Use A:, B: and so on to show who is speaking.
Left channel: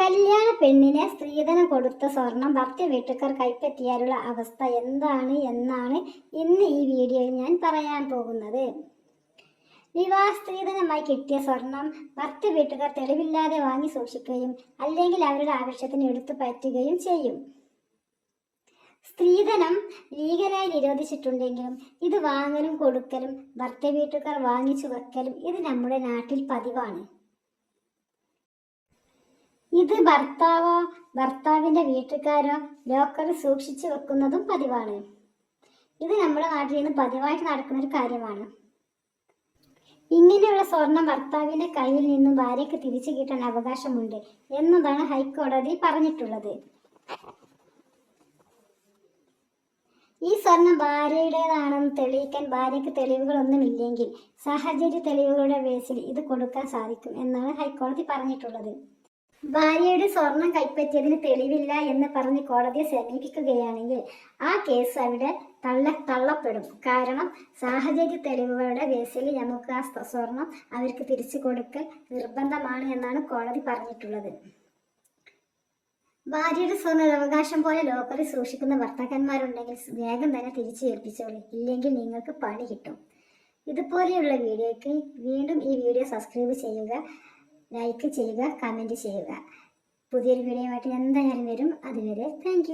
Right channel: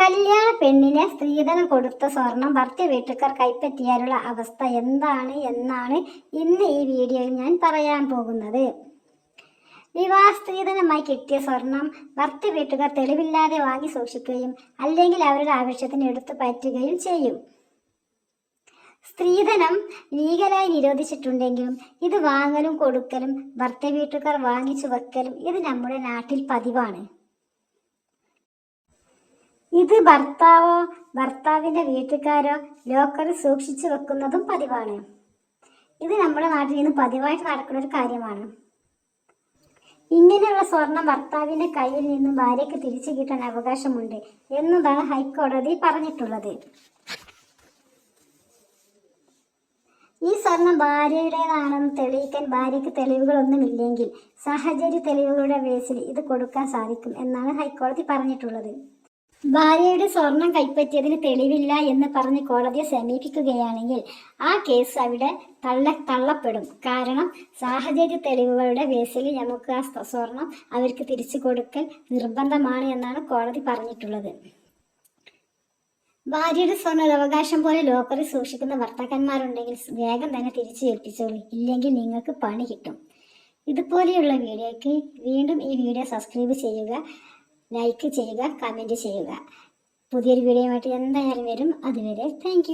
A: കല്യാണ പെണ്ണിനെ സ്ത്രീധനം കൊടുത്ത സ്വർണം ഭർത്തൃ വീട്ടുകാർ കൈപ്പറ്റിയാലുള്ള അവസ്ഥ എന്താണ് എന്നാണ് ഇന്ന് ഈ വീഡിയോയിൽ ഞാൻ പറയാൻ പോകുന്നത്. വിവാഹ സ്ത്രീധനമായി കിട്ടിയ സ്വർണം ഭർത്തൃ വീട്ടുകാർ തെളിവില്ലാതെ വാങ്ങി സൂക്ഷിക്കുകയും അല്ലെങ്കിൽ അവരുടെ ആവശ്യത്തിന് എടുത്തു പറ്റുകയും ചെയ്യും. സ്ത്രീധനം ലീഗലായി നിരോധിച്ചിട്ടുണ്ടെങ്കിലും ഇത് വാങ്ങലും കൊടുക്കലും ഭർത്തൃ വീട്ടുകാർ വാങ്ങിച്ചു വെക്കലും ഇത് നമ്മുടെ നാട്ടിൽ പതിവാണ്. ഇത് ഭർത്താവോ ഭർത്താവിന്റെ വീട്ടുകാരോ ലോക്കറിൽ സൂക്ഷിച്ചു വെക്കുന്നതും പതിവാണ്. ഇത് നമ്മുടെ നാട്ടിൽ നിന്ന് പതിവായിട്ട് നടക്കുന്ന ഒരു കാര്യമാണ്. ഇങ്ങനെയുള്ള സ്വർണം ഭർത്താവിന്റെ കയ്യിൽ നിന്നും ഭാര്യയ്ക്ക് തിരിച്ചു കിട്ടാൻ അവകാശമുണ്ട് എന്നതാണ് ഹൈക്കോടതി പറഞ്ഞിട്ടുള്ളത്. ഈ സ്വർണം ഭാര്യയുടേതാണെന്ന് തെളിയിക്കാൻ ഭാര്യയ്ക്ക് തെളിവുകളൊന്നുമില്ലെങ്കിൽ സാഹചര്യ തെളിവുകളുടെ ബേസിൽ ഇത് കൊടുക്കാൻ സാധിക്കും എന്നാണ് ഹൈക്കോടതി പറഞ്ഞിട്ടുള്ളത്. ഭാര്യയുടെ സ്വർണം കൈപ്പറ്റിയതിന് തെളിവില്ല എന്ന് പറഞ്ഞ് കോടതിയെ സമീപിക്കുകയാണെങ്കിൽ ആ കേസ് അവിടെ തള്ള തള്ളപ്പെടും. കാരണം സാഹചര്യ തെളിവുകളുടെ ബേസിൽ നമുക്ക് ആ സ്വ- സ്വർണം അവർക്ക് തിരിച്ചു കൊടുക്കൽ നിർബന്ധമാണ് എന്നാണ് കോടതി പറഞ്ഞിട്ടുള്ളത്. ഭാര്യയുടെ സ്വർണ അവകാശം പോലെ ലോക്കറിൽ സൂക്ഷിക്കുന്ന ഭർത്താക്കന്മാരുണ്ടെങ്കിൽ വേഗം തന്നെ തിരിച്ചു ഏൽപ്പിച്ചോളൂ. ഇല്ലെങ്കിൽ നിങ്ങൾക്ക് പണി കിട്ടും. ഇതുപോലെയുള്ള വീഡിയോയ്ക്ക് വീണ്ടും ഈ വീഡിയോ സബ്സ്ക്രൈബ് ചെയ്യുക. ലൈക്ക് ചെയ്യുക കമന്റ് ചെയ്യുക. പുതിയൊരു വീഡിയോയുമായിട്ട് എന്തായാലും വരും. അതുവരെ താങ്ക്